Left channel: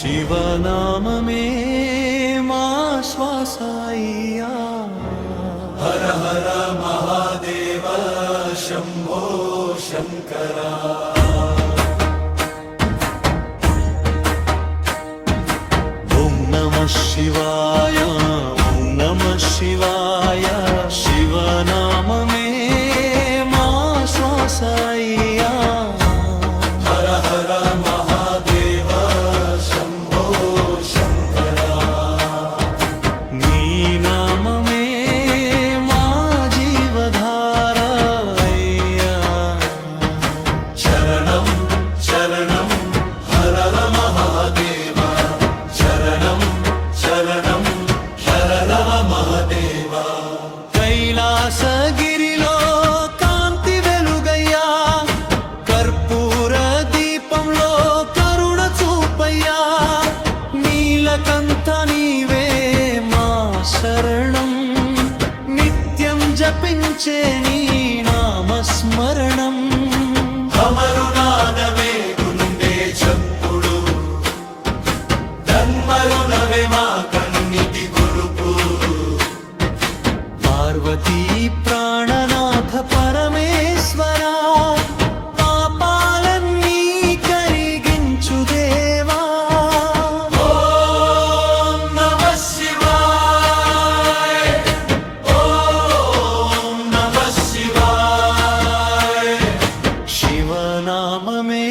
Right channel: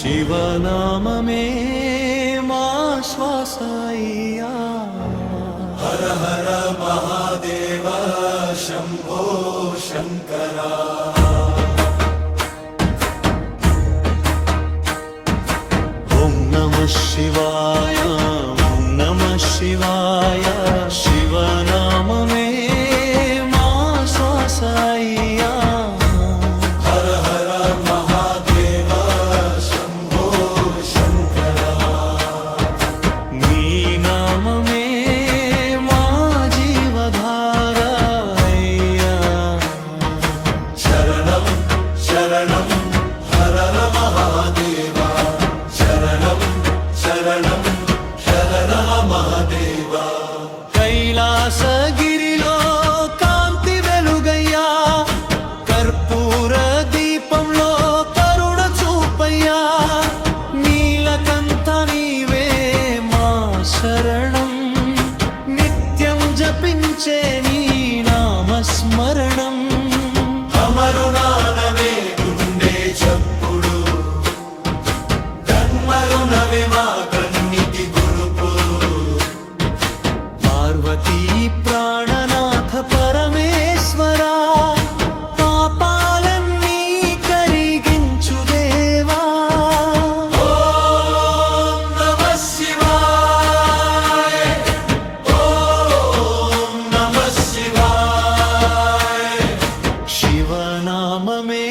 శివనామమే మా శ్వాసయ్యా హర హర మహాదేవ శంభో శంకరా ఓం నమః శివాయ ఓం నమః శివాయ శివనామమే మా శ్వాసయ్యా హర హర మహాదేవ శంభో శంకరా నీ నామమే మా జీవధార అయ్యా శరణం శరణం హర హర మహాదేవ శరణం శరణం హర మహాదేవ కైలాసగిరిలో కాంతి వెలుగయ్యా కర్పూర దీపంలో కరుణ చూపయ్యా నీలకంఠ నీవే మా శరణం నిత్యం జపించే నీ నామస్మరణం అమరునాదమే గుండె చప్పుడు జన్మరునవే మా కన్నిటి గురుపు పార్వతీ ప్రాణనాథ పరమేశ్వరా పాపాలన్నీ కరిగించు దేవా ఓం నమః శివాయ ఓం నమః శివాయ శివనామమే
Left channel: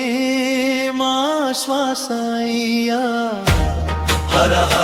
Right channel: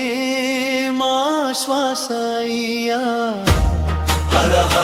మా శ్వాసయ్యా హర హర